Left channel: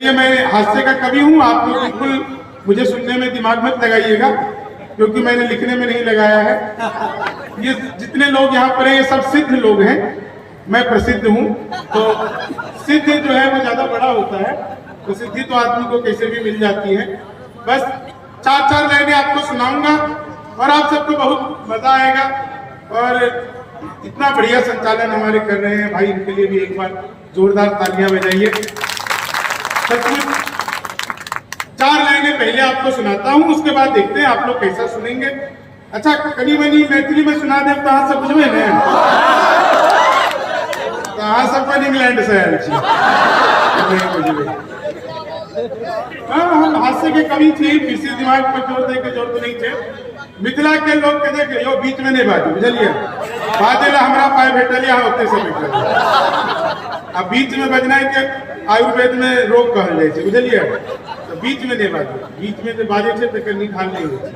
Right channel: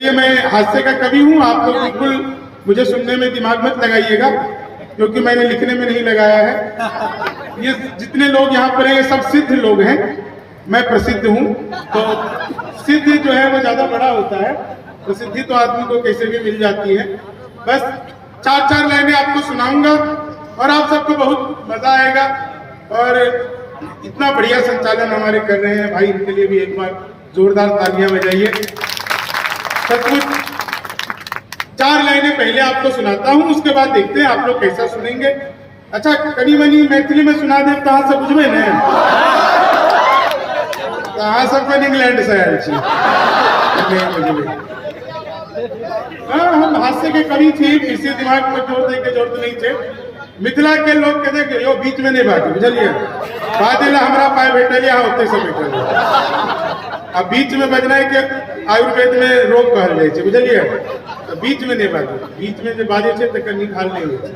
ये मैं हास्य का कवि हूँ। आप लोग बिल्कुल मुझे सुनने में दिमाग मत लगाइएगा, क्योंकि मैंने लिखने में नहीं लगाया है। ये जितने लोग यहाँ पर हैं ये सब सिद्ध लोग हैं, मैं प्रसिद्ध हूँ। तो सिद्ध जो है वो ज्यादा बड़ा होता है, प्रसिद्धि तो आदमी को कैसे भी मिल जाती है। बस चार चार लाइनें आपको सुनाऊंगा और आप सबको बहुत मजा आएगा। और इतना बढ़िया संचालन हमारे कर रहे हैं भाई, इनके लिए भी एक बार जोरदार तालियां बजाइए। सचमुच चार लाइनें पहले आपको सुनाता हूँ, उसके बाद देखते हैं आप लोग कैसा सुनेंगे। अच्छा कनी बनी मैथिली में सुना दे कहाँ से बुझबे ने, कहाँ सबके इंग्लैंड से आयल छी। हम हास्य के कवि थी, किसी दिमाग पर जोर दे के जरूरत नहीं थे। मिथिला के लोग के देख यो बीच में नहीं बाजू, बुझलिए बाजे ला हमरा पाए भेटल यहाँ होते से बैठल। अब बीच में बजना है कि आयुर्वेद में रोग कहल जाए छे, बुझलिए। तो बीच में नहीं बाजू, बीच में जो बाजे छे तो कहीं खाल नहीं होती,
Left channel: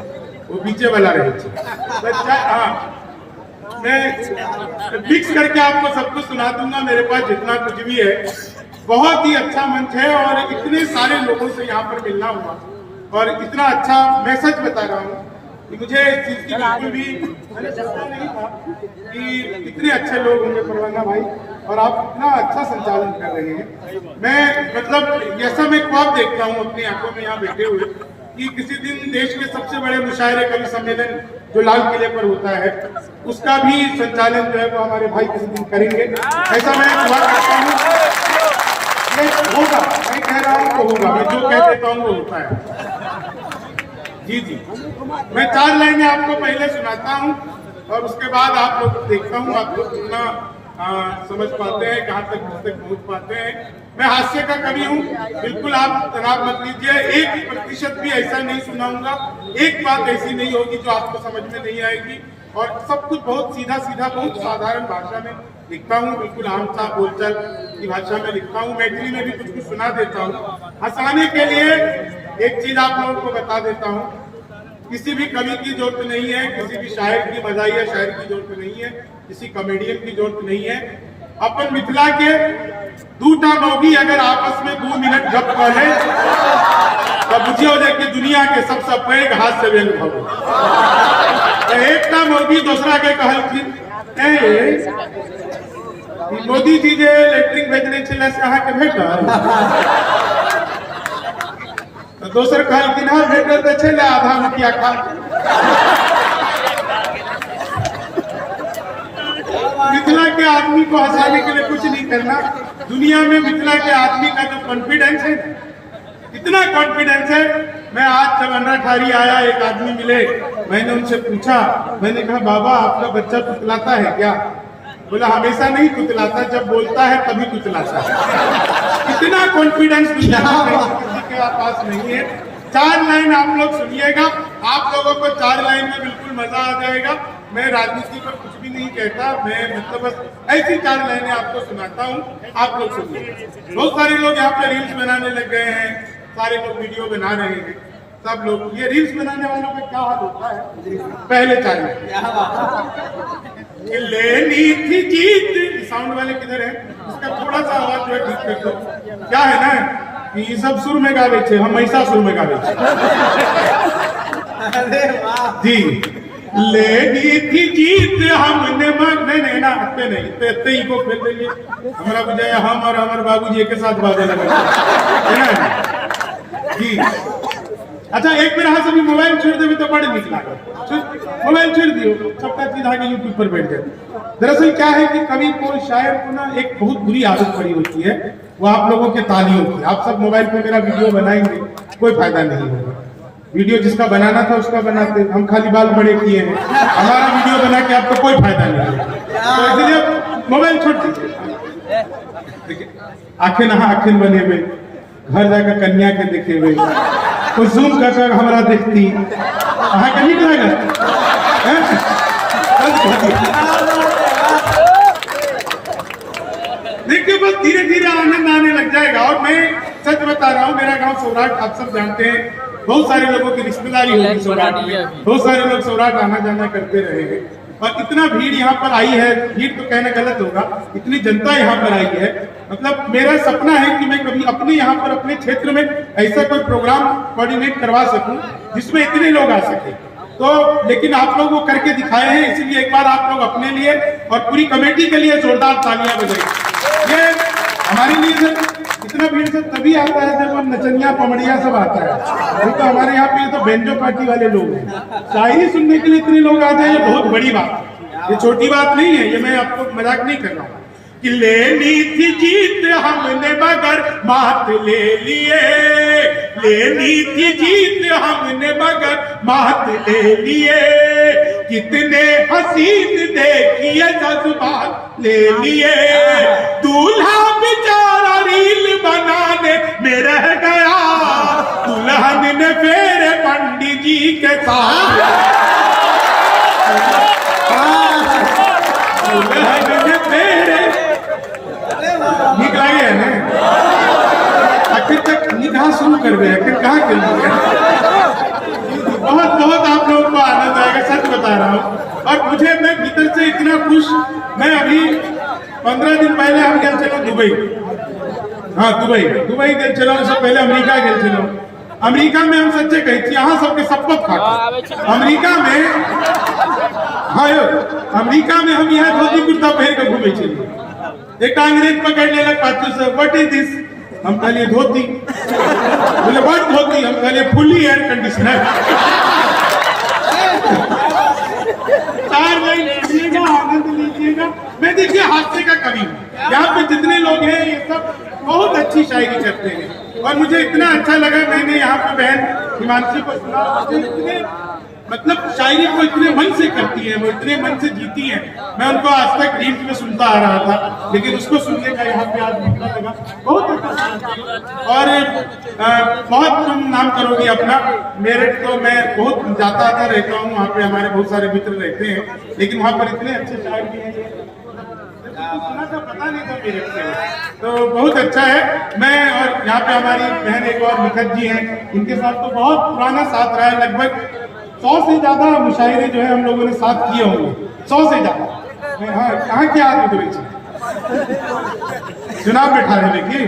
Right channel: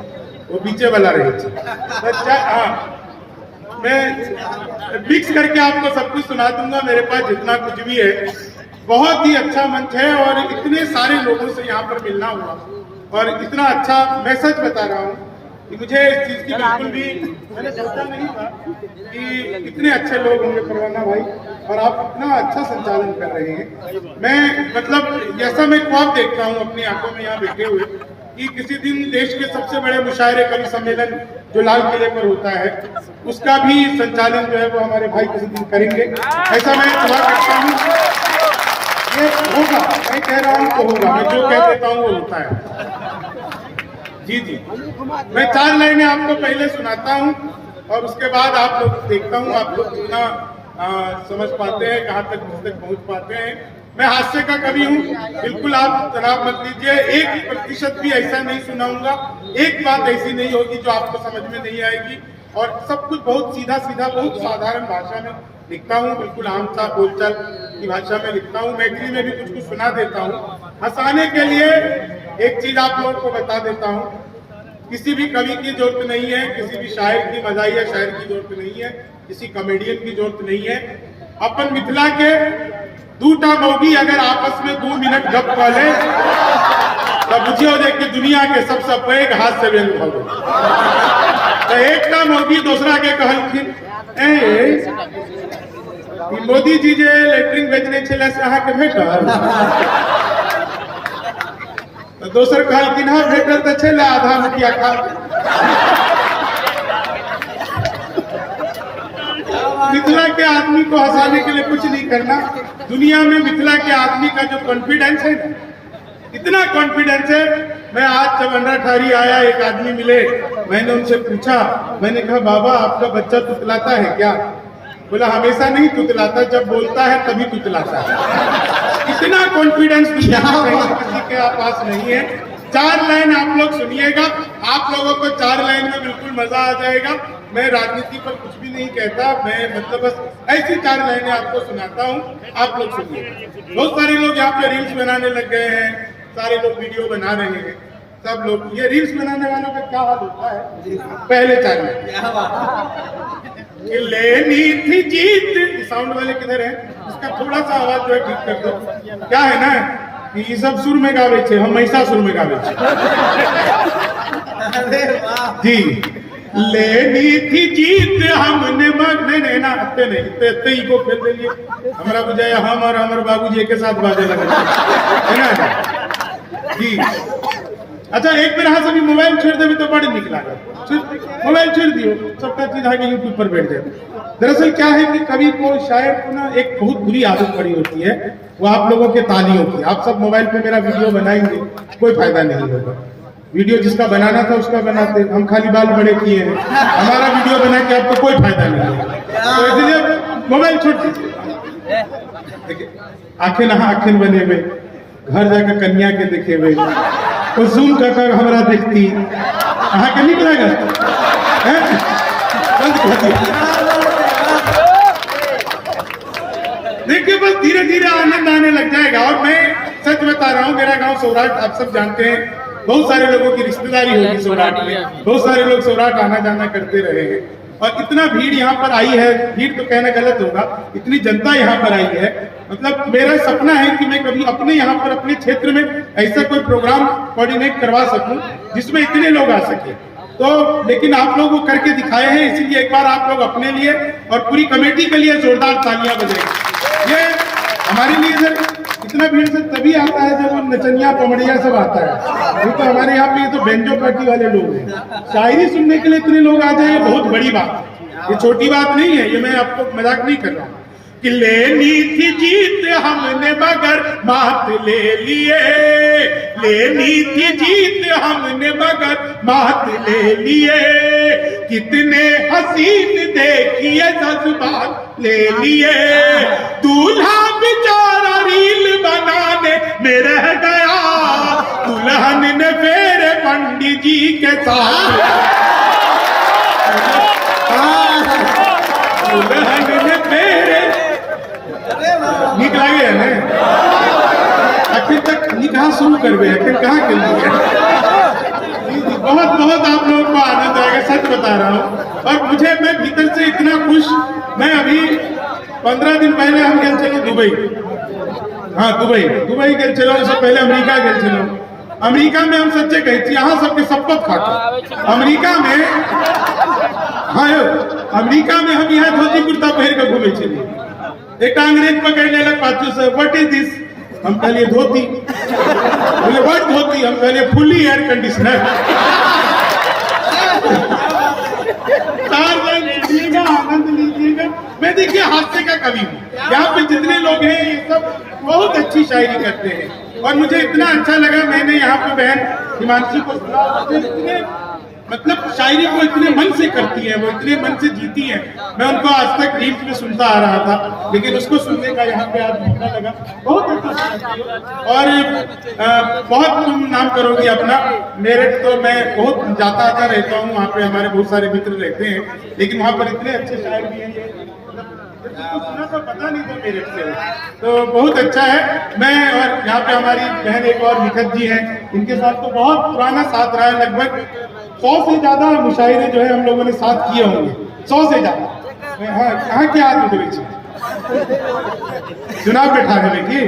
वो बीचे वाला रहे छे। हाँ मैं मिक्स करके आपको सब कुछ सुना दूंगा। मेरे पास जितना कुछ भी है, बहुत ही अच्छा मंच है और इतने सारे लोगों से यहाँ पर मिलना हुआ और इतना अच्छा मैसेज बता रहा हूँ कि मुझे इस चीज की बिल्कुल भी मैंने सोचा नहीं था कि इतने अच्छे लोग होंगे परवाना भाई, और आप इतना अच्छा संचालन कर रहे हैं। मैं मतलब जैसा मैं ख्वाब देखता हूँ अपनी आंखों में यहाँ बैठे हुए कि किसी दिन देश के सबसे बड़े मुशायरे कवि सम्मेलन जो लाल किले पर होता है, उसका भी संचालन जो है वो हमारे भाई किसी दिन करेंगे, ऐसा मैं ख्वाब रखता हूँ। ये होगा, मैं कह रहा हूँ तो होगा, मैं जो कह देता हूँ वो होता है। जी जी, मैं चार लाइनें आपको पहले सुनाता हूँ और उसके बाद आप लोग देखता हूँ आप लोग कितना समझ पाते हैं, कहाँ तक पहुँच पाते हैं। मैं हास्य का कवि हूँ, बिल्कुल आप तनाव मत लीजिए। 1% भी ऐसा नहीं सुनाऊंगा, एक बात ऐसी नहीं होगी जो आपको समझ में नहीं आएगी। और सब कुछ बहुत सीधा सीधा बहुत साधारण भाषा में लिखता हूँ, बिल्कुल आम सा बोलचाल की भाषा में लिखता हूँ। मैथिली में भी कुछ कुछ सुना देता हूँ। हंसाने के लिए एक चीज आप लोगों को बता देता हूँ, किसी भी कवि की जरूरत नहीं है, किसी भी शायर की मजाहिया शायर की जरूरत नहीं है, किसी कॉमेडियन की जरूरत नहीं है। अपन मिथिला के दूटा मौगी अगर आपस में 2 मिनट गप कर ले तो बुझियो जे कि दुनिया के सबसे पैघ हास्य व्यंग भऽ गेल। तो एकटा मौगी दूसरा के कहलखिन, मोदी जी जे लेटरिन भेजने छले से अहाँ के भेटल? दोसर कहलखिन हाँ भेटल तो छले, आधा मुठिया खा। मिथिला के आदमी को हंसाने के लिए कुछ नहीं करना। दुनिया में मिथिला के आदमी का जो कॉन्फिडेंस है, इतना कॉन्फिडेंस है। मैं आज जब अंडाठारी आया, एक आदमी मिले, मैंने उनसे पूछा, मैंने कहा बाबा आपका बच्चा तुतलाता है क्या? बोला हमेशा नहीं तुतलाता, जब बोलता है तभी तुतलाता है। इतना कॉन्फिडेंस किसी के पास नहीं है। 4 लाइन आप लोग सुनिएगा, आप लोगों को 4 लाइन में बिल्कुल मजा आ जाएगा। मैं राजनीति पर कुछ भी नहीं कहता, मैं मतलब बस ऐसी 4 लाइनें आपको सुनाता हूँ, आप लोग सुनिए। बहुत सारे लोग यहाँ पे रील्स बनाने लग गए हैं, सारे लोग वीडियो बना रहे हैं। सब लोग ये रील्स बनाने वालों का क्या हाल होता है, पहले 4 लाइन लेनी थी जीत। साउंड वाले किधर है? उसका थोड़ा सा आवाज जो है ठीक कर दो। क्या है ना कि ये सब सुर में गावे छे, हम ऐसा सुर में गावे छे। जी लेनी थी जीत हमने नहीं ना अत्ते नहीं इतने ही को खेल देलिए। हमारा बुझाया हम और हमारे बाबूजी के साथ बाजे लगे है ना जी। अच्छा एक बेर अहाँ सब मोबाइल छोड़ देवे तो बड़े निक लागत। मोबाइल छोड़ दियो, सबका चीज आगे यूट्यूब पर बैठ जाए। दरअसल क्या है कि कवि को शायर को ना एक बहुत बुरी आदत पड़ी होती है, वो आप लोगों के तालियों की। आप सब मोबाइल पे मेरा वीडियो बनाएंगे, कोई फायदा नहीं होगा। वीडियो जिसका बनाना था उसका बनाते, हम खाली बाल बड़े किए हैं, हमारा वीडियो बना के आपको कोई फायदा नहीं है। तो इसलिए मोबाइल छोड़ दीजिए। देखिए आखिर आखिर बने हुए, घर जाकर कन्या के देखे हुए, तो जूम कर हमारा देखती अहाँ के नहीं लगेगा। देखिए बस धीरे धीरे आनंद आने लग जाएगा। और मैं सच बता रहा हूँ, मेरा गांव सौराठ आप सब जानते हैं, बहुत सारे लोगों की रिश्तेदारी होगी सौराठ में, बहुत सारे लोग सौराठ आना जाना करते रहेंगे। और इतना भीड़ यहाँ पर आई है, भीड़ तो कहना गलत होगा, इतनी जनता यहाँ पर आई है। मतलब मेरा सपना है कि मैं कभी अपने यहाँ पर अपने क्षेत्र में ऐसा कोई प्रोग्राम कोऑर्डिनेट करवा सकूं जिसमें इतने लोग आ सके। तो लेकिन आप लोग वो करके दिखाए हैं, इसीलिए एक बार आप लोग अपने लिए और पूरी कमेटी के लिए जोरदार तालियां बजाएं। ये हमारे लिए सर इतना भीड़ से तभी आता है जब हम नचनिया पमड़िया सब आता है। तो हमारे यहाँ पे ये तो बेंजो पार्टी वाले लोग हैं, शायरी सुनने के लिए इतने लोग आ जाए, ये बहुत बड़ी बात है, ये छोटी बात नहीं है। ये मैं आपको मजाक नहीं कर रहा हूँ कि लेनी थी जीत हमने मगर मात ले लिए, लेनी थी जीत हमने मगर मात ले लिए, कितने हसीन देखिए जज्बात ले लिए, दूल्हा बेचारा रील बनाने में रह गया, दुल्हन ने फेरे पंडित जी के साथ, दुल्हन ने फेरे निकला गया है आखिर तक कहाँ शुरू कर गए, आखिर कहाँ के लिए। बहुत बहुत आप लोगों को आनंद आएगा, सच बता रहा हूँ। और मुझे मैं भीतर से इतना खुश, मैं अभी 15 दिन पहले हम गए चलो दुबई, हाँ दुबई गए चलो, उससे पहले अमेरिका गए चलो। अमेरिका में हम सच्चे कहे थी, यहाँ सबके शपथ खाते। अमेरिका में हाँ अमेरिका में हम यहाँ धोती कुर्ता पहन के घूमे चले, एक अंग्रेज पकड़ने लग पाचू से व्हाट इज दिस, हम कहलिए धोती, बोले व्हाट धोती, हम कहलिए फुली एयर कंडीशनर। 4 लाइन लीजिएगा, आनंद लीजिएगा। मैं देखिए हास्य का कवि हूँ, यहाँ पे जितने लोग हैं ये सब बहुत अच्छी शायरी करते हैं और मुझे इतना अच्छा लगा। मैंने यहाँ पे बहन हिमांशी को सुना, मुझे इतने मतलब शायरी को इतने मन से करती है, वो इतने मन से जीती है। मैं उनको आज तक रील्स में सुनता आ रहा था, लेकिन उसको सुनने का यहाँ पे आज मौका लगा, बहुत अच्छा। और बहुत तुम नाम करोगे अपना। मेरठ तो मैं बहुत जाता आता रहता हूँ, वहाँ पे हमारे बहुत सारे मित्र रहते हैं, लेकिन वहाँ पर इतने अच्छे शायर भी हैं, तो सुना था पता नहीं था मेरठ से, तो बहुत अच्छा है। मैं और यहाँ पे हमारी बहन एक और निखत जी हैं, इनके साथ तो बहुत पुराना साथ रहा है, लगभग 100 से ज्यादा मुशायरे जो है हम लोगों ने साथ किए होंगे, 100 से ज्यादा। हाँ कहाँ के आदमी तो बेचे चुनाव में ठार है कि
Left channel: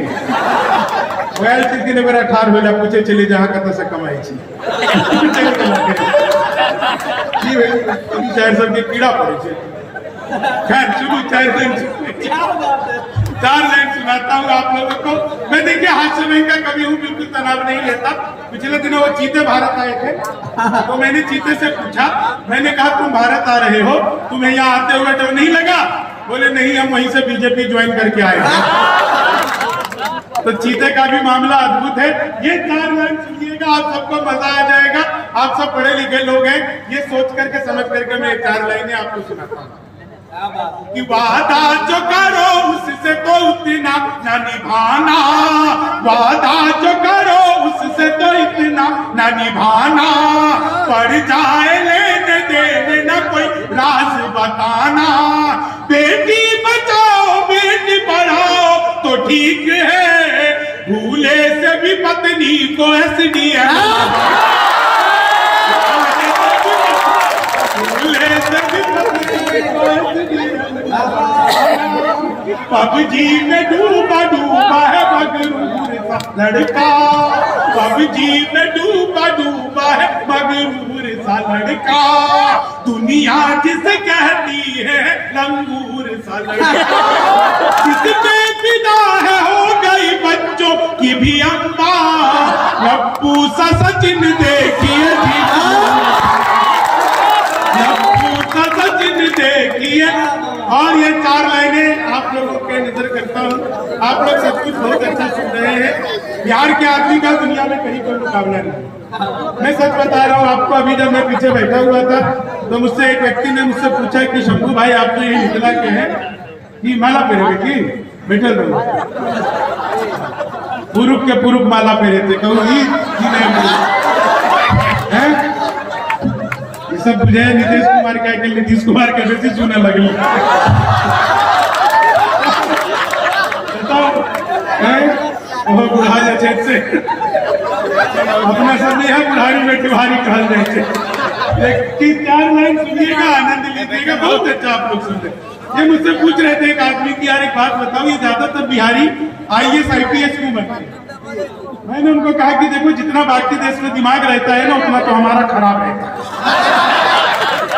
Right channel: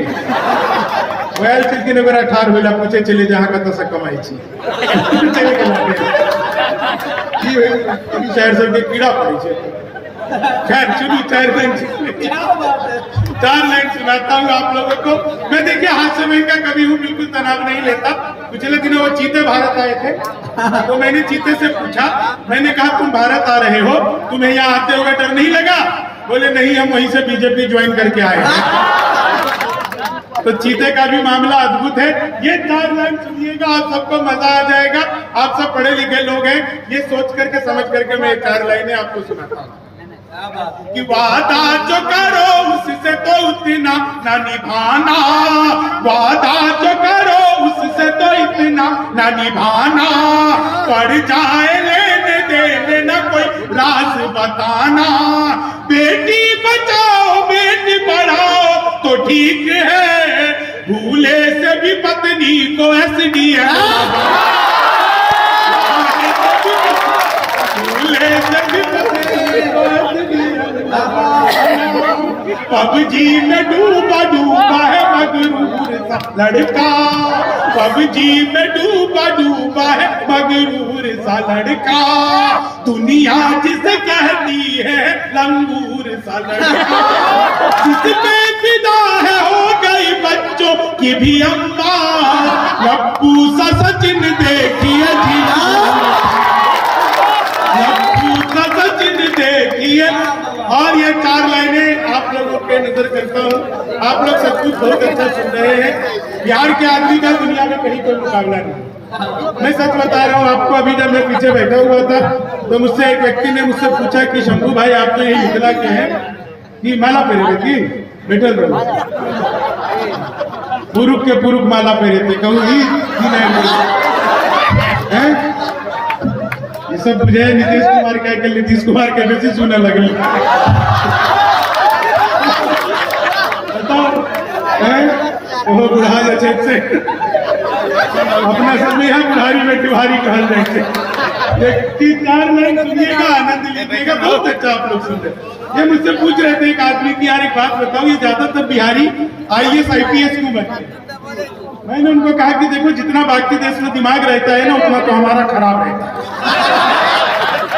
वैल चिंती ने बड़ा ठार होला पूछे चले जहाँ का तसा कमाई छी जी भाई अभी शायर सब के कीड़ा पड़े छे। खैर चलो 4 लाइन सुनाता हूँ आप लोगों को। मैं देखिए हाथ से मैं इनका कभी हूँ, बिल्कुल तनाव नहीं लेता। पिछले दिनों वो चीते भारत आए थे, तो मैंने चीते से पूछा, मैंने कहा तुम भारत आ रहे हो, तुम्हें यहाँ आते हुए डर नहीं लगा? बोले नहीं, हम वहीं से बीजेपी ज्वाइन करके आए हैं। तो चीते का भी मामला अद्भुत है। ये 4 लाइन सुनिएगा, आप सबको मजा आ जाएगा। आप सब पढ़े लिखे लोग हैं, ये सोच करके समझ करके मैं 4 लाइनें आपको सुनाता हूँ कि वादा जो करो उससे तो उतना न निभाना, वादा जो करो उससे तो इतना न निभाना, पड़ जाए लेने देने न कोई राज बताना, बेटी बचाओ बेटी पढ़ाओ तो ठीक है, भूले से भी पत्नी को एसडीएम, भूले से भी पत्नी को पबजी में डूबा है मगरूर सा लड़का, पबजी में डूबा है मगरूर सा लड़का, दुनिया जिसे कहती है लंगूर सा लड़का, जिसमें फिदा है हो गई बच्चों की भी अम्मा, लप्पू सा सचिन देखिए सचिन देखिए। और ये 4 लाइनें आप लोगों के नजर करता हूँ, आप लोग सब कुछ बहुत अच्छा सुन रहे हैं। बिहार के आदमी का दुनिया में कहीं कोई मुकाबला नहीं। मैं सच बता रहा हूँ आपको, अभी जब मैं पीछे बैठा हुआ था तो मुझसे एक व्यक्ति ने मुझसे पूछा कि शंभू भाई आप तो यही मिथिला के हैं कि माला पहरे की बैठे रहो, पुरुष के पुरुष माला पहरे थे, कहूँ सब बुझे नीतीश कुमार का के नीतीश कुमार के बेसी सुने लगल वो बुढ़ा से अपने सब में बुढ़ारी में तिवारी कहल जाए। चार लाइन सुनिएगा, आनंद लीजिएगा, बहुत अच्छा आप लोग सुन रहे। ये मुझसे पूछ रहे थे एक आदमी की, यार एक बात बताओ, ये ज्यादातर बिहारी IAS IPS क्यों बनते हैं? मैंने उनको कहा कि देखो, जितना बाकी देश में दिमाग रहता है ना, उतना तो हमारा खराब है।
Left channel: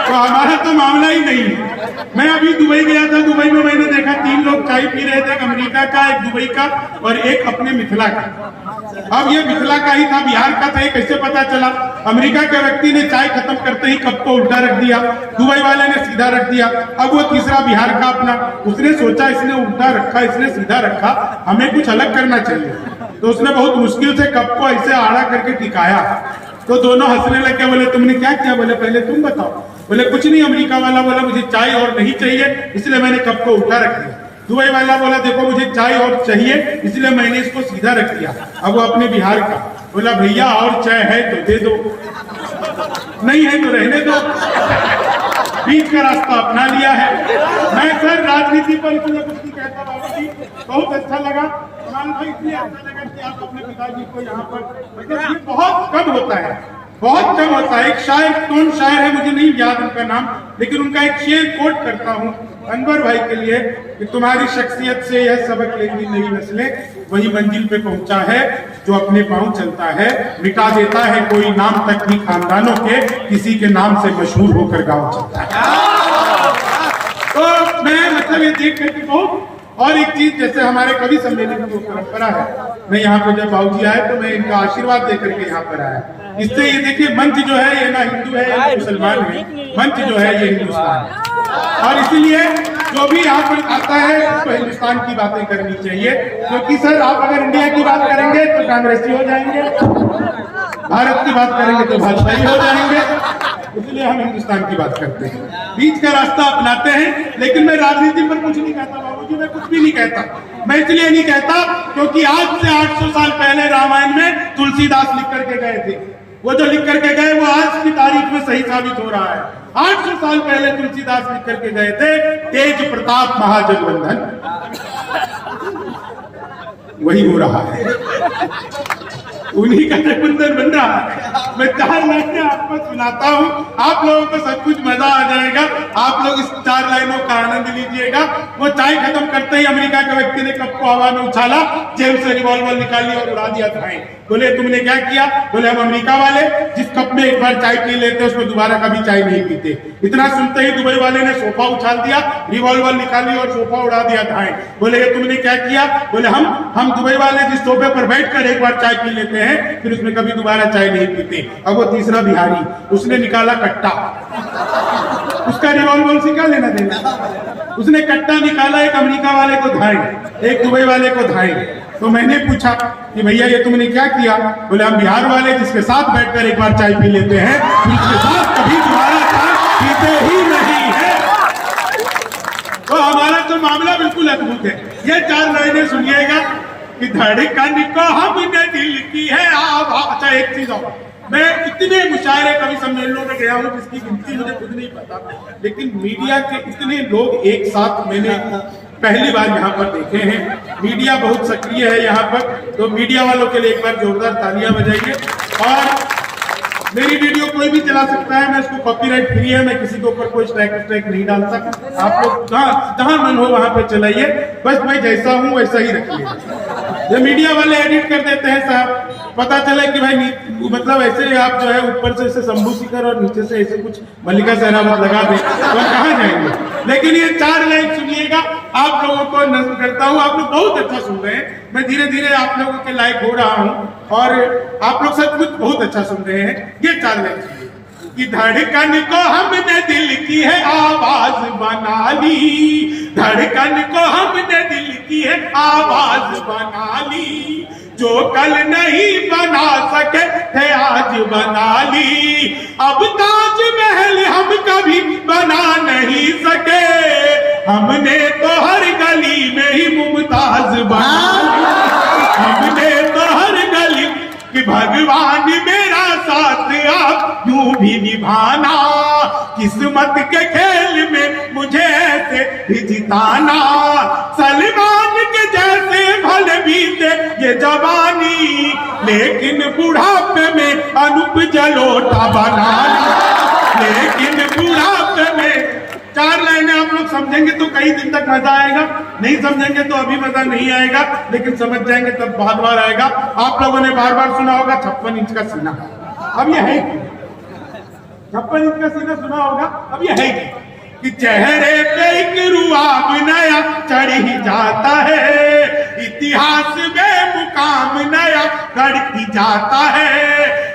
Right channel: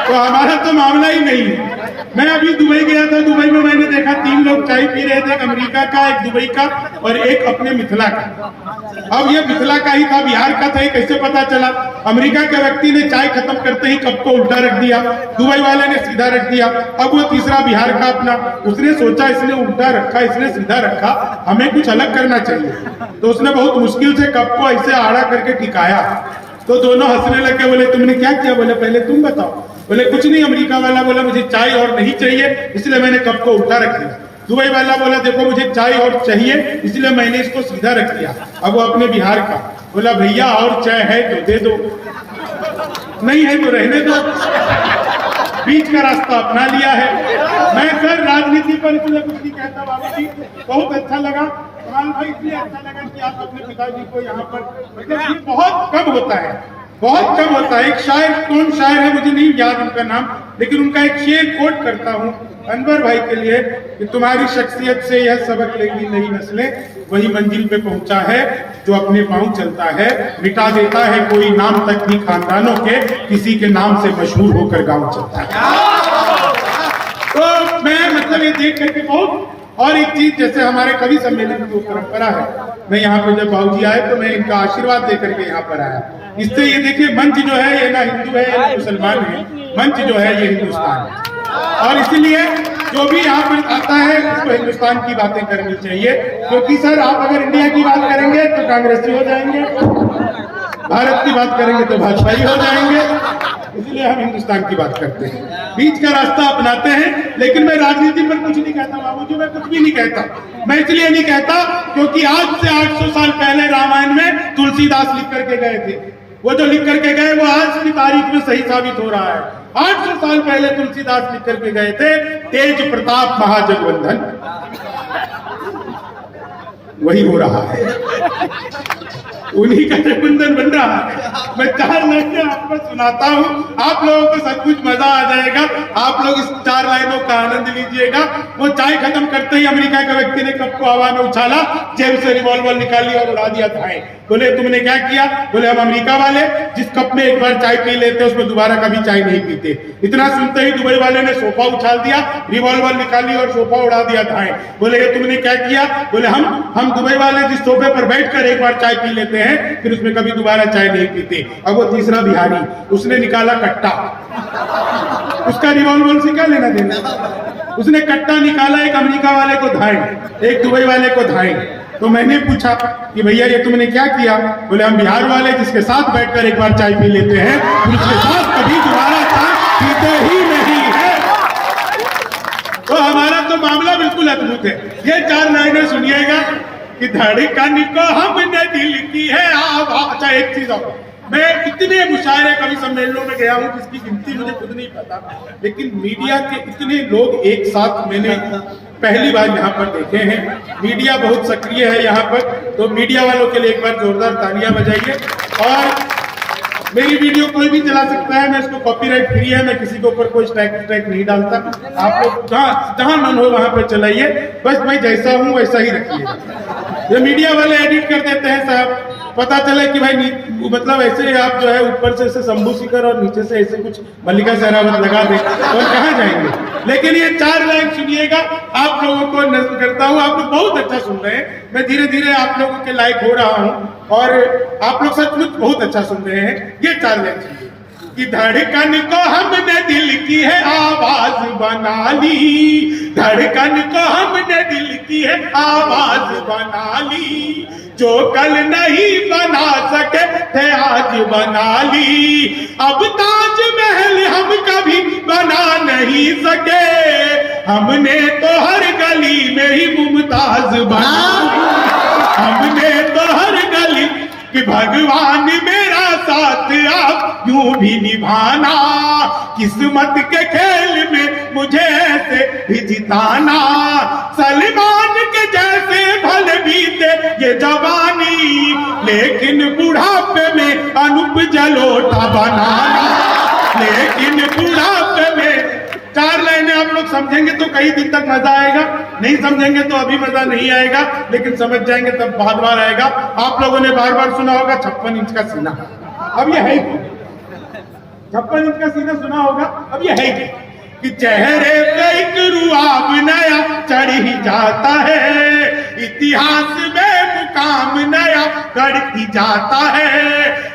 तो हमारा तो मामला ही नहीं है। मैं अभी दुबई गया था, दुबई में मैंने देखा 3 लोग चाय पी रहे थे, एक अमेरिका का, एक दुबई का और एक अपने मिथिला का। अब ये मिथिला का ही था, बिहार का था, कैसे पता चला? अमेरिका के व्यक्ति ने चाय खत्म करते ही कप को उल्टा रख दिया, दुबई वाले ने सीधा रख दिया। अब वो तीसरा बिहार का अपना, उसने सोचा इसने उल्टा रखा, इसने सीधा रखा, हमें कुछ अलग करना चाहिए। तो उसने बहुत मुश्किल से कप को ऐसे आड़ा करके टिकाया। तो दोनों हंसने लगे, बोले तुमने क्या किया? बोले पहले तुम बताओ। बोले कुछ नहीं। अमेरिका वाला बोला मुझे चाय और नहीं चाहिए, इसलिए मैंने कप को उल्टा रख दिया। दुबई वाला बोला देखो मुझे चाय और चाहिए, इसलिए मैंने इसको सीधा रख दिया। अब वो अपने बिहार का बोला भैया और चाय है तो दे दो, नहीं है तो रहने दो, बीच का रास्ता अपना लिया है। मैं सर राजनीति पर इसलिए कुछ नहीं कहता बाबू जी, बहुत अच्छा लगा कमाल भाई, इसलिए अच्छा लगा कि आप अपने पिताजी को यहाँ पर, ये बहुत कम होता है, बहुत कम होता है। एक शायर, कौन शायर है मुझे नहीं याद उनका नाम, लेकिन उनका एक शेर कोट करता हूँ अनवर भाई के लिए कि तुम्हारी शख्सियत से यह सबक लेगी नई नस्लें, वही मंजिल पे पहुंचा है जो अपने पांव चलता है, मिटा देता है कोई नाम तक भी खानदानों के, किसी के नाम से मशहूर होकर गांव चलता है। तो मैं मतलब ये देख करके बहुत, और एक चीज जैसे हमारे कवि सम्मेलन की परंपरा है, मैं यहाँ पे जब बाबूजी आए तो मैं इनका आशीर्वाद देकर के यहाँ पर आया। इससे ये देखिए मंच जो है ये ना हिंदू है या मुसलमान है, मंच जो है ये हिंदुस्तान है, और इसलिए जो भी यहाँ पर आता है उसको हिंदुस्तान की बातें करनी चाहिए। क्योंकि सर आप अगर इंडिया की बात करेंगे तो कांग्रेसी हो जाएंगे, भारत की बात करेंगे तो भाजपाई हो जाएंगे, इसलिए हम हिंदुस्तान की बात करते हैं, बीच का रास्ता अपनाते हैं। लेकिन मैं राजनीति पर कुछ नहीं कहता बाबूजी, मैं कुछ भी नहीं कहता। मैं इसलिए नहीं कहता क्योंकि आज से 800 साल पहले रामायण में तुलसीदास लिख करके गए थे, वो जो लिख करके गए वो आज की तारीख में सही साबित हो रहा है। 800 साल पहले तुलसीदास लिख करके गए थे, तेज प्रताप महाजगवंदन, वही हो रहा है, उन्हीं का जगवंदन बन रहा है। मैं 4 लाइनें आपको सुनाता हूँ, आप लोगों को सब कुछ मजा आ जाएगा, आप लोग इस 4 लाइनों का आनंद लीजिएगा। वो चाय खत्म करते ही अमेरिका के व्यक्ति ने कप को हवा में उछाला, जेब से रिवॉल्वर निकाली और उड़ा दिया था। बोले तुमने क्या किया? बोले हम अमेरिका वाले जिस कप में एक बार चाय पी लेते उसमें दोबारा कभी चाय नहीं पीते। इतना सुनते ही दुबई वाले ने सोफा उछाल दिया, रिवॉल्वर निकाली और सोफा उड़ा दिया था। बोले ये तुमने क्या किया? बोले हम दुबई वाले जिस सोफे पर बैठकर एक बार चाय पी लेते हैं फिर उसमें कभी दोबारा चाय नहीं पीते। अब वो तीसरा बिहारी, उसने निकाला कट्टा, उसका रिवॉल्वर से क्या लेना देना? उसने कट्टा निकाला, एक अमेरिका वाले को धाए, एक दुबई वाले को धाए। तो मैंने पूछा कि भैया ये तुमने क्या किया? बोले हम बिहार वाले जिसके साथ बैठकर एक बार चाय पी लेते हैं फिर उसके साथ कभी दोबारा चाय पीते ही नहीं है। तो हमारा तो मामला बिल्कुल अद्भुत है। ये 4 लाइनें सुनिएगा कि धड़कन को हमने दिल की है आवाज़। अच्छा एक चीज और, मैं इतने मुशायरे कवि सम्मेलनों में गया हूँ जिसकी गिनती मुझे खुद नहीं पता, लेकिन मीडिया के इतने लोग एक साथ मैंने पहली बार यहाँ पर देखे हैं। मीडिया बहुत सक्रिय है यहाँ पर, तो मीडिया वालों के लिए एक बार जोरदार तालियां बजाइए। और मेरी वीडियो कोई भी चला सकता है, मैं इसको कॉपीराइट फ्री है, मैं किसी के ऊपर कोई स्ट्राइक नहीं डालता। आप लोग जहाँ मन हो वहां पर चलाइए, बस मैं जैसा हूँ वैसा ही रखिए। ये मीडिया वाले एडिट कर देते हैं साहब, पता चला कि भाई मतलब ऐसे आप जो है ऊपर से ऐसे शंभू शिखर और नीचे से ऐसे कुछ मल्लिका सहरावत लगा दे और कहाँ जाएंगे। लेकिन ये 4 लाइन सुनिएगा, आप लोगों को नजर करता हूँ, आप लोग बहुत अच्छा सुन रहे हैं, मैं धीरे धीरे आप लोगों के लायक हो रहा हूँ और आप लोग सचमुच बहुत अच्छा सुन रहे हैं। ये 4 लाइन सुनिए कि धड़कन को हमने दिल की है आवाज बना ली, धड़कन को हमने दिल की है आवाज बना ली, जो कल नहीं बना सके थे आज बना ली, अब ताजमहल हम कभी बना नहीं सके, हमने तो हर गली में ही मुमताज बना, हमने तो हर गली कि भगवान मेरा साथ आप यूं भी निभाना, किस्मत के खेल में मुझे ऐसे भी जिताना, सलमान के जैसे भले बीते ये जवानी, लेकिन बुढ़ापे में अनूप जलोटा बनाना, कई दिन तक मजा आएगा, नहीं समझेंगे तो अभी मजा नहीं आएगा, लेकिन समझ जाएंगे तब बार बार आएगा। आप लोगों ने बार बार सुना होगा 56 इंच का सीना, अब ये है 56 इंच का सीना सुना होगा, अब ये है कि चेहरे पे एक रुआब नया चढ़ ही जाता है, इतिहास में मुकाम नया गढ़ ही जाता है।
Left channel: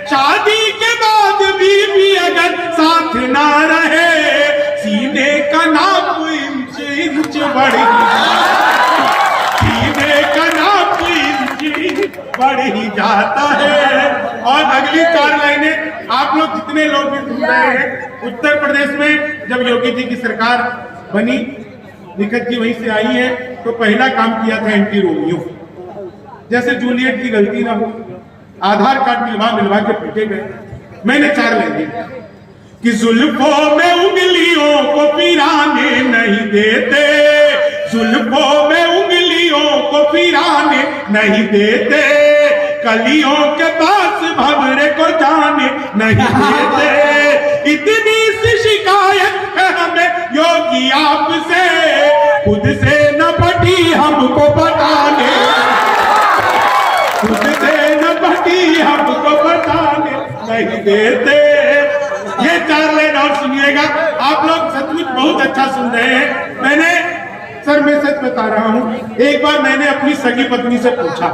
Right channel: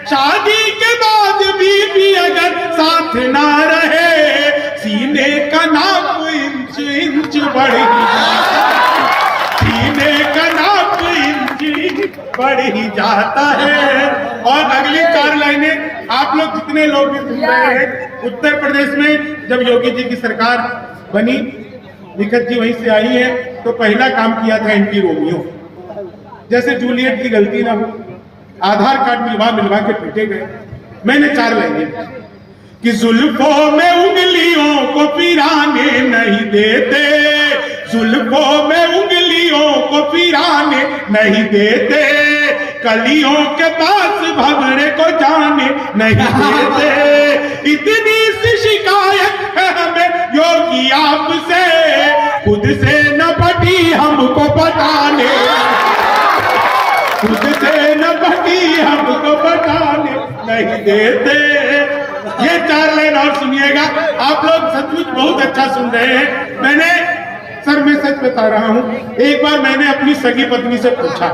शादी के बाद भी अगर साथ ना रहे, सीने का नाप इंच इंच बढ़ ही जाता है, सीने का नाप इंच बढ़ ही जाता है। और अगली 4 लाइनें आप लोग जितने लोग भी सुन रहे हैं, उत्तर प्रदेश में जब योगी जी की सरकार बनी, निखत जी वहीं से आई है, तो पहला काम किया था एंटी रोमियो, जैसे जूलियट की गलती ना हो, आधार कार्ड मिलवा के पीटे गए। मैंने 4 लाइनें कि जुल्फों में उंगलियों को पिराने नहीं देते, जुल्फों में उंगलियों को पिराने नहीं देते, कलियों के पास भंवरे को जाने नहीं देते। इतनी सी शिकायत है हमें योगी आपसे, खुद से न बटी हमको बताने, खुद से न बटी हमको बताने नहीं देते। ये 4 लाइन और सुनिएगा, आप लोग सचमुच बहुत अच्छा सुन रहे हैं। मैं सच बता रहा हूं, एक बार मैंने अपनी सगी पत्नी से पूछा,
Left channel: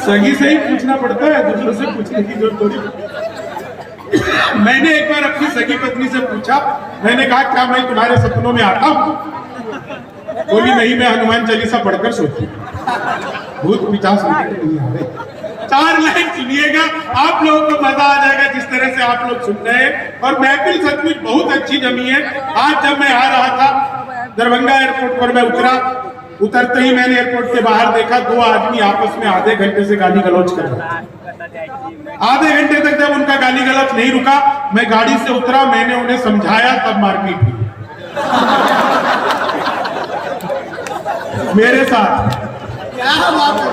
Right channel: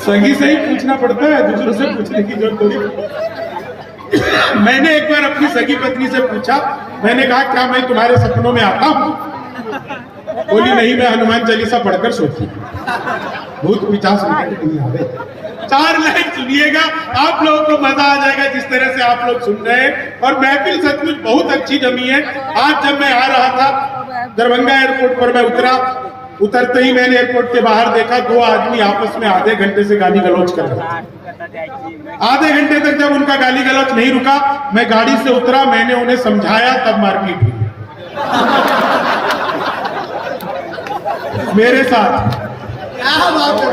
सगी से ही पूछना पड़ता है, दूसरों से पूछने की जरूरत थोड़ी। मैंने एक बार अपनी सगी पत्नी से पूछा, मैंने कहा क्या मैं तुम्हारे सपनों में आता हूं? बोली नहीं, मैं हनुमान चालीसा पढ़कर सोती, भूत पिचास नहीं आ रहे। 4 लाइन सुनिएगा, आप लोगों को मजा आ जाएगा जिस तरह से आप लोग सुन रहे हैं। और महफिल सचमुच बहुत अच्छी जमी है। आज जब मैं आ रहा था दरभंगा एयरपोर्ट पर, मैं उतरते ही मैंने एयरपोर्ट के बाहर देखा 2 आदमी आपस में आधे घंटे से गाली गलौज कर रहे थे। आधे घंटे तक जब उनका गाली गलौज नहीं रुका, मैं गाड़ी से उतरा, मैंने उन्हें समझाया, तब मारपीट हुई मेरे साथ। क्या बात है,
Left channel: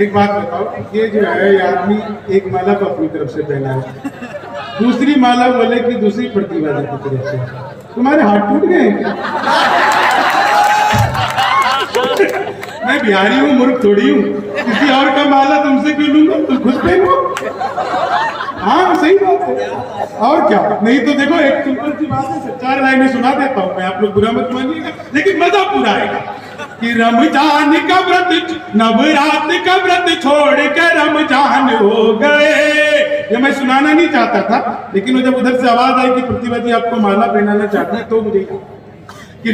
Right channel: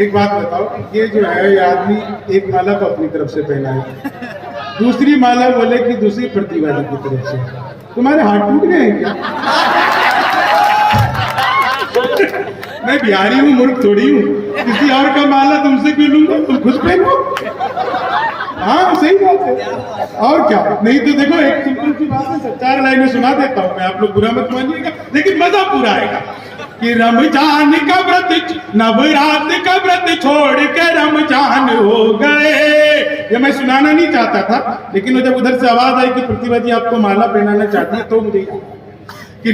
एक बात बताओ, ये जो है ये आदमी एक माला को अपनी तरफ से पहना है, दूसरी माला बोले कि दूसरी प्रतिवादी की तरफ से। तुम्हारे हाथ टूट गए हैं क्या? मैं बिहारी हूँ, मूर्ख थोड़ी हूँ, किसी और का माला तुमसे क्यों लूंगा? तुम खुद पहनो। हाँ सही बात है, और क्या। नहीं तो देखो एक सिंपल सी बात है, 4 लाइनें सुना देता हूँ मैं, आप लोग बुरा मत मानिएगा, लेकिन मजा पूरा आएगा। कि रमजान का व्रत, नवरात का व्रत छोड़ के रमजान हो गए। ये मैं सुनाना नहीं चाहता था, लेकिन जब उधर से आवाज आई कि प्रतिभा जी आपको माला पहनाना चाहती है, तो मुझे कि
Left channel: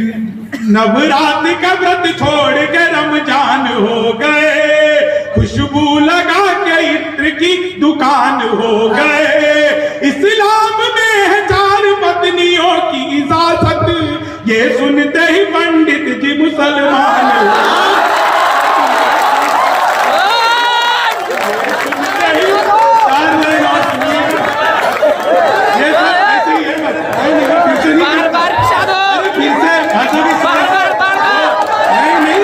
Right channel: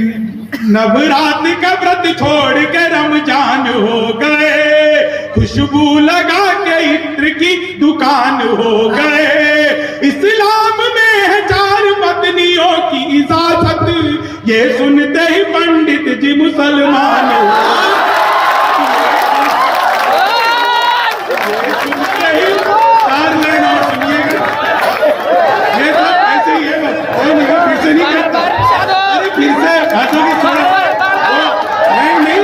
नवरात का व्रत छोड़ के रमजान हो गए, खुशबू लगा के इत्र की दुकान हो गए। इस्लाम में है 4 पत्नियों की इजाजत, ये सुनते ही पंडित जी मुसलमान सुनते ही 4 लाइन और सुनिएगा। ये सब ऐसे ही है, बस फिर से नहीं करता, अरे फिर से भाषा की सुनो, नहीं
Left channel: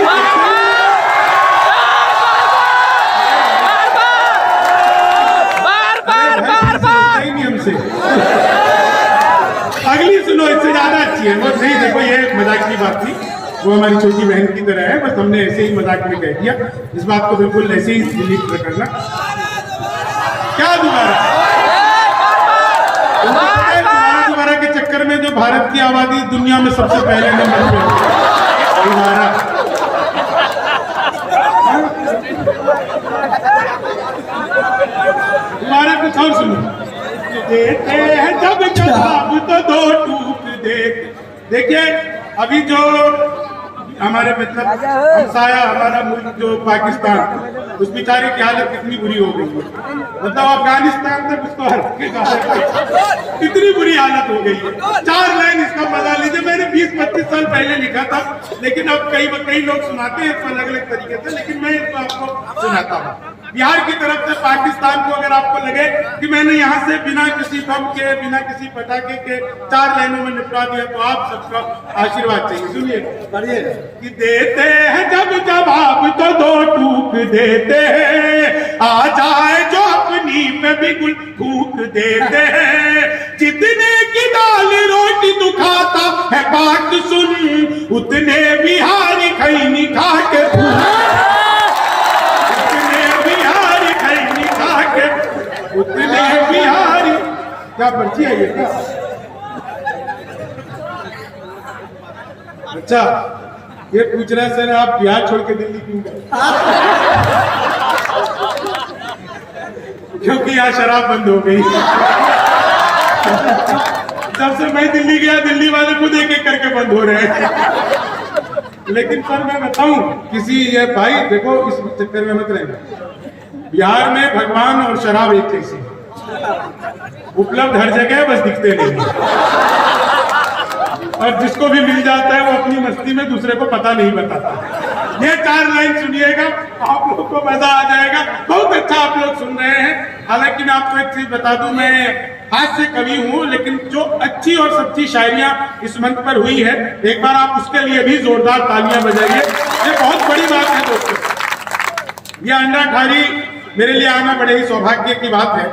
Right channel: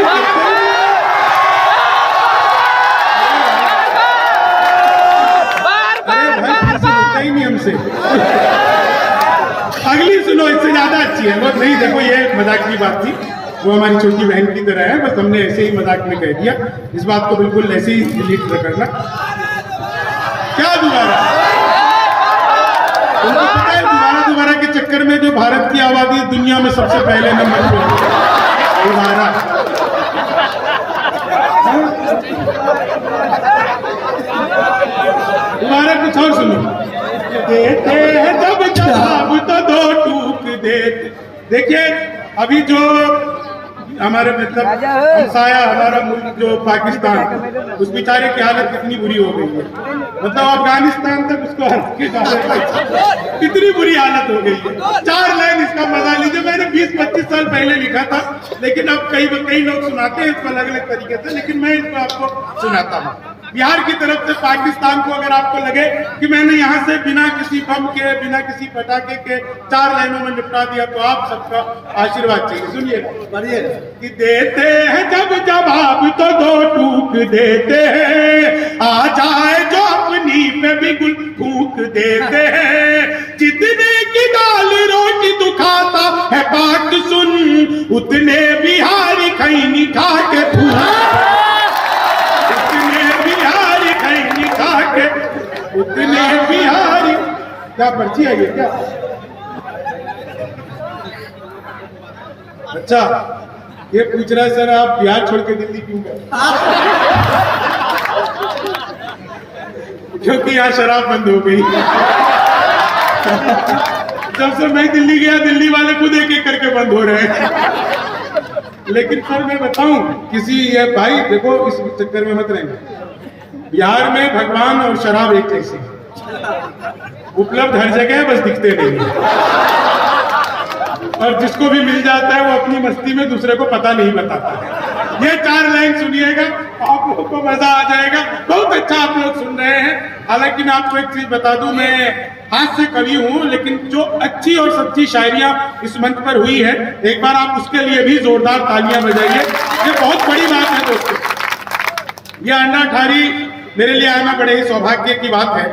सुनता ही नहीं हमसे। अगली सुनो, इससे ज्यादा अच्छी है। बस नहीं, देखो ये मजाक की बात थी, वो हमारी छोटी बहन की तरह है, बस हमने ऐसे ही मजाक में कह दिया। इस बात को बिल्कुल ऐसे ही डिलीट करना। क्या दोबारा? उनको पता है दोबारा के चक्कर में जो भारत की आबादी दुनिया में सबसे पहले नंबर पे दोबारा। दोबारा कुछ और सुनो। देते हैं जब जवाब तो 2 टूक देते। देखिए अभी जो हमारे मतलब हमसाया हमारा मुल्क जो पाकिस्तान, उस बेचारे की हालत कितनी बुरी हो गई है। मतलब अफगानिस्तान तक उसको कितनी बुरी हालत हो गई है। 4 लाइन इसका मजा लीजिए। मैंने 20-25 साल पहले लिखा था, लेकिन अब कई लोग सुनाते हैं इसको अलग अलग तरीके से, लेकिन मैं इसको आपको सुनाता हूँ। बिहार की तरफ से पाकिस्तान को अगर आपको लगे कि मैंने यहाँ से बिना किसी बम के, बिना किसी पटाखे के 4 लाइनों में निपटा दिया, तो आप सबका आशीर्वाद चाहिए। सुनिए कि देते हैं जब जवाब तो 2 टूक देते हैं, आ जाए जो अपनी में भी गुल फूक देते हैं। जितने की दाल रोटी तू खाता है बात सुन, उतने बिहारी खैनी खा के उतने बिहारी खैनी खा के उतने बिहारी। क्या पर्ची है ये क्या? अच्छा, ये पूछ रहा है सर आप बिहार छोड़ के दिल्ली क्यों गए? क्योंकि यहाँ शराब बंद हो गई। जब से मैं दिल्ली गया दिल्ली वाले खुद एक एक करके बंद हो रहे हैं। लेकिन सर मैं बताऊं किसी ये भाई देखो इस चक्कर में मत रहना। बिहार में भगवान और शराब एक जैसी उपलब्ध हर जगह, बस दिखते नहीं। और जिसको भी मिल जाता है वो अपनी मस्ती में दूसरे को पता नहीं बताता। ये 4 लाइन सुनिएगा आप लोग को मजा आ जाएगा। बहुत अच्छा आप लोग सुन रहे हैं। हालांकि मैं आपको एक चीज बता दूं, मैं हाथ से कवि हूं, लेकिन जो अच्छी और सच्ची शायरियां इस मंच पर हुई है एक बार आप उसके लिए भी जोरदार तालियां बजाइए। ये बहुत बड़ी बात है दोस्तों। ये अंडा ठारी मेरे लिए आना बड़े ही सौभाग्य की बात है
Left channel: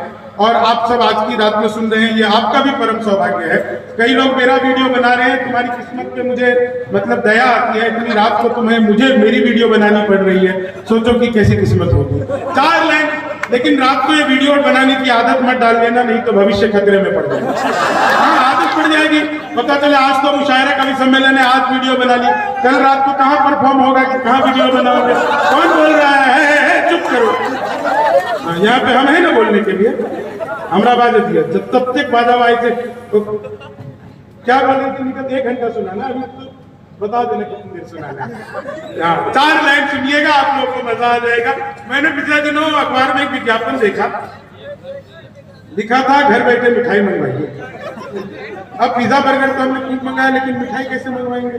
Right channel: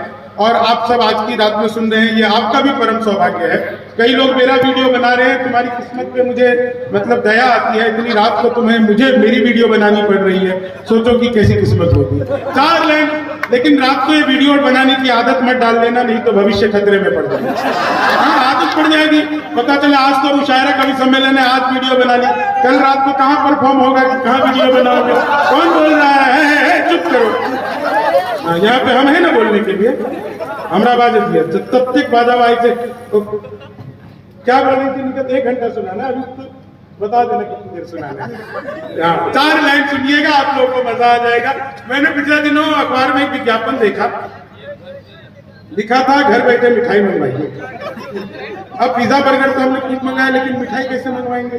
और आप सब आज की रात में सुन रहे हैं, ये आपका भी परम सौभाग्य है। कई लोग मेरा वीडियो बना रहे हैं, तुम्हारी किस्मत पे मुझे मतलब दया आती है, इतनी रात को तुम्हें मुझे मेरी वीडियो बनानी पड़ रही है, सोचो कि कैसी किस्मत होगी। 4 लाइन, लेकिन रात को ये वीडियो बनाने की आदत मत डाल लेना, नहीं तो भविष्य खतरे में पड़ जाएगा। आदत पड़ जाएगी, पता चले आज तो मुशायरा कवि सम्मेलन है, आज वीडियो बना ली, कल रात को कहाँ परफॉर्म होगा कि कहाँ वीडियो बनाओगे, कौन बोल रहा है? चुप करो। यहाँ पे हम है ना बोलने के लिए, हमारा बाजा दिया तब तक बाजा आए थे तो क्या बोले थे निकल 1 घंटा सुनाना, अभी तो बता देना कितनी देर सुनाना है। 4 लाइन सुनिएगा आप लोगों को मजा आ जाएगा। मैंने पिछले दिनों अखबार में एक विज्ञापन देखा, लिखा था घर बैठे मिठाई मंगवाइए। अब पिज्जा बर्गर तो हमने खूब मंगाया, लेकिन मिठाई कैसे मंगवाएंगे?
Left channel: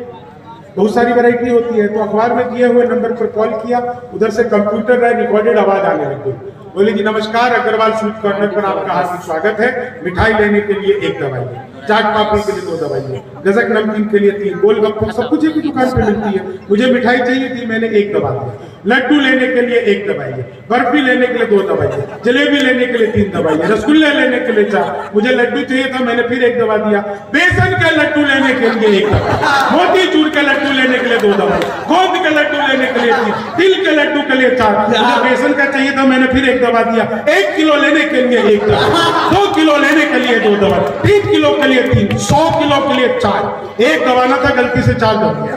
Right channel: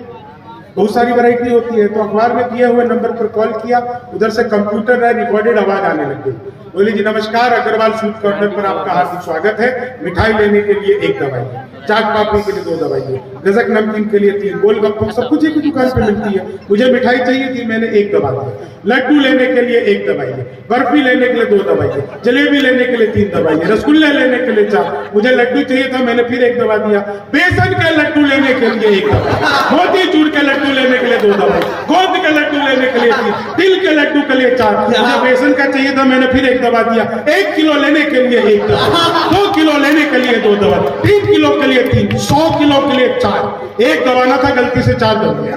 बहुत सारी वैरायटी होती है। तो अखबार में दिए हुए नंबर पर कॉल किया, उधर से कंप्यूटर रिकॉर्डेड आवाज आने लग गई। बोले जी नमस्कार, अग्रवाल स्वीट कॉर्नर पर आपका हार्दिक स्वागत है। मिठाई लेने के लिए 1 दवाई, चाट पापड़ी के लिए 2 दवाई, गजक नमकीन के लिए 3, गोलगप्पे सब कुछ एक ही दुकान पे मिलती है। मुझे मिठाई चाहिए थी, मैंने 1 दवा दी। लड्डू लेने के लिए 1 दवाई, बर्फी लेने के लिए 2 दवाई, जलेबी लेने के लिए 3 दवाई, रसगुल्ले लेने के लिए 4, मुझे लड्डू चाहिए था, मैंने फिर 1 दवा दिया। बेसन के लड्डू लेने के लिए 1 दवा, मोतीचूर के लड्डू लेने के लिए 2 दवाई, गोंद के लड्डू लेने के लिए 3, तिल के लड्डू के लिए 4, मुझे बेसन का चाहिए था, मैंने फिर 1 दवा दिया। 1 किलो लेने के लिए 1 दवा, 2 किलो लेने के लिए 2 दवा, 3 किलो के लिए 3, 100 किलो के लिए 4। 1 दबाना था, गलती से 4 दबा दिया।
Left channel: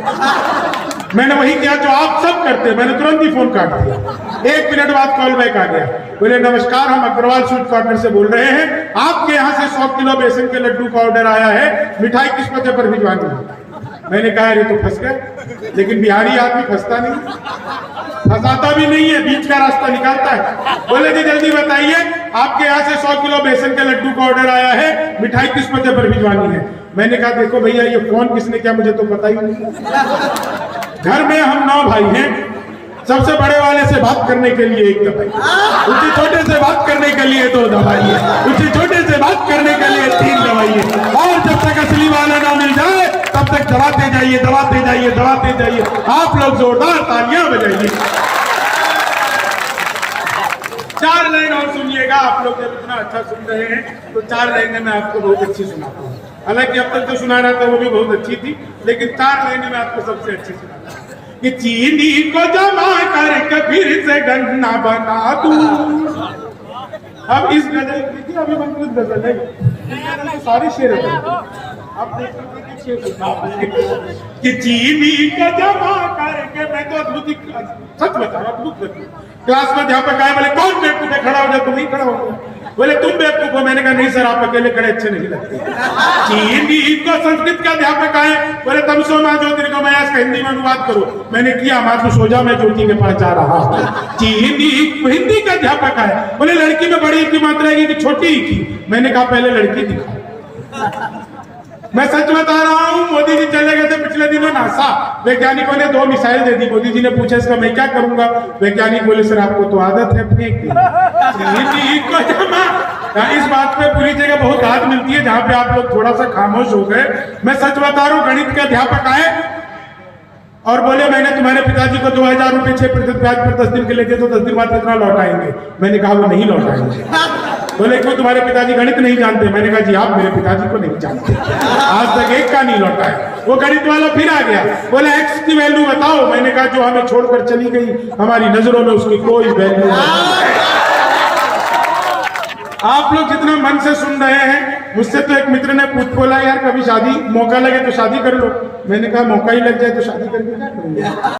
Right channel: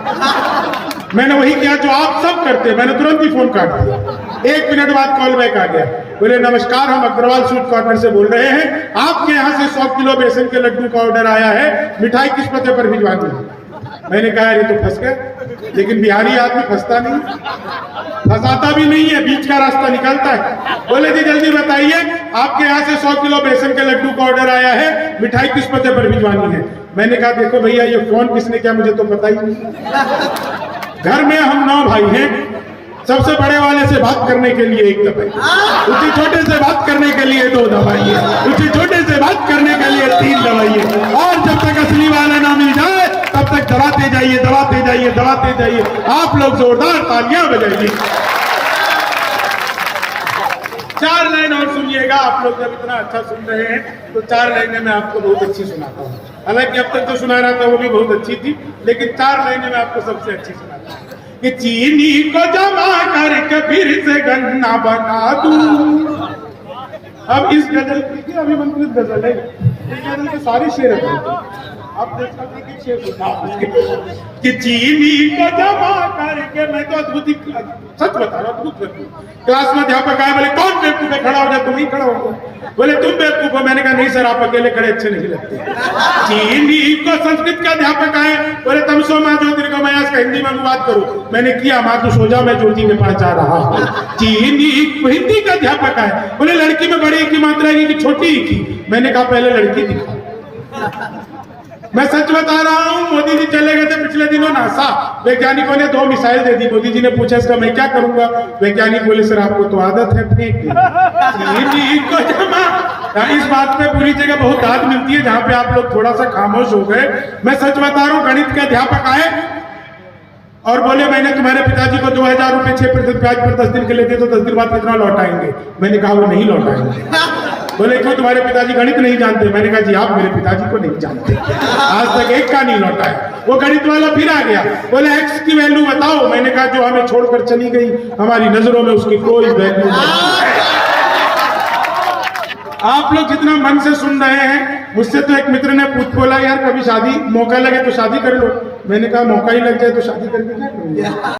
मैंने वही किया जो आप सब करते हैं, मैंने तुरंत ही फोन काट दिया। 1 मिनट बाद कॉल बैक आ गया, बोले नमस्कार हम अग्रवाल स्वीट कॉर्नर से बोल रहे हैं, आपके यहाँ से 100 किलो बेसन के लड्डू का ऑर्डर आया है, मिठाई किस पते पर भिजवानी है? मैंने कहा अरे तो फंस गए, लेकिन बिहारी आदमी फंसता नहीं, फंसाता भी नहीं है, बीच का रास्ता निकालता है। बोले जी जल्दी बताइए, आपके यहाँ से 100 किलो बेसन के लड्डू का ऑर्डर आया है, मिठाई किस पते पर भिजवानी है? मैंने कहा देखो भैया ये फोन किसने किया मुझे तो पता ही नहीं। घर में हम 9 भाई हैं, सबसे बड़े वाले से बात करने के लिए 1 दवाई, उससे छोटे से बात करने के लिए 2 दवाई है, उससे छोटे से बात करने के लिए 3 दवाई है, और जब तक असली वाला ना मिल जाए तब तक दबाते जाइए, दबाते जाइए, दबाते जाइए। आप लोग जोरदार तालियां बजाइए। 4 लाइन और सुनिएगा। आप लोग जब इतना अच्छा सुन रहे हैं तो 4 लाइनें मैं आपको बहुत अच्छी सुनाता हूँ। हालांकि अब तक जो सुना रहा था वो भी बहुत अच्छी थी, लेकिन 4 लाइनें मैं आपको सबसे अच्छी सुनाता हूँ। कि चीनी को जमा करके फिर से गन्ना बना दूं। अब इस गजल देखिए, अभी मंत्रित गजल है, इस गजल के सारे शेर है, आप देख सकते हैं कि शेर कि चीनी को जमा करके, मैं तो अद्भुत सच बता रहा हूँ, अद्भुत करती क्लास में अध्यापक आए, बोले कौन बेवकूफ है, खड़ा हो जाए, तुम नहीं खड़ा होगा। बोले तुम बेवकूफ हो। मैंने कहा नहीं सर, आप अकेले खड़े अच्छे नहीं लगते। चीनी को संस्कृत के अध्यापक आए, बोले तुम सो माँ ज्योतिर्गमयास का हिंदी में अनुवाद करो। मैंने किया, माँ तू सो जाओ, मैं ज्योति में पढ़ा रहा हूँ। चीनी हिंदी का अध्यापक आए, बोले लड़की में बड़ी की मात्रा है कि छोटी ही की। मैंने कहा पहले लड़की दिखा। मैं सच बता रहा हूँ, मोदी जी चले गए थे पिछले दिनों नासा, वैज्ञानिकों ने 2 मिसाइल दे दी। मोदी जी ने पूछा इसका मैं क्या करूंगा? वैज्ञानिक बोले सर आपको तो आदत है फेंक दी। इस बात पे पूरी जगह बहुत दाद मिलती है, जहाँ पे आप लोग थोड़ा सा खामोश हो गए। मैं सच बता रहा हूँ, गणित के अध्यापक आए और बोले मैंने तुम्हारे पिताजी को 2000 रुपए 6% ब्याज पर 10 दिन के लिए दिए, तो 10 दिन बाद कितना लौटाएंगे? मैंने कहा वो नहीं लौटाएंगे। बोले क्यों तुम्हारे पिताजी गणित नहीं जानते? मैंने कहा जी आप मेरे पिताजी को नहीं जानते, आज तक एक का नहीं लौटा है। वो गणित वाला फिर आ गया, बोले एक्स की वैल्यू बताओ। मैंने कहा जो हमें छोड़कर चली गई, हमारी नजरों में उसकी कोई वैल्यू नहीं है। आप लोग जितना मन से सुन रहे हैं, मुझसे तो एक मित्र ने पूछ बोला यार कभी शादी मौका लगे तो शादी कर लो। मैंने कहा मौका ही लग जाए तो शादी करके क्या करूंगा।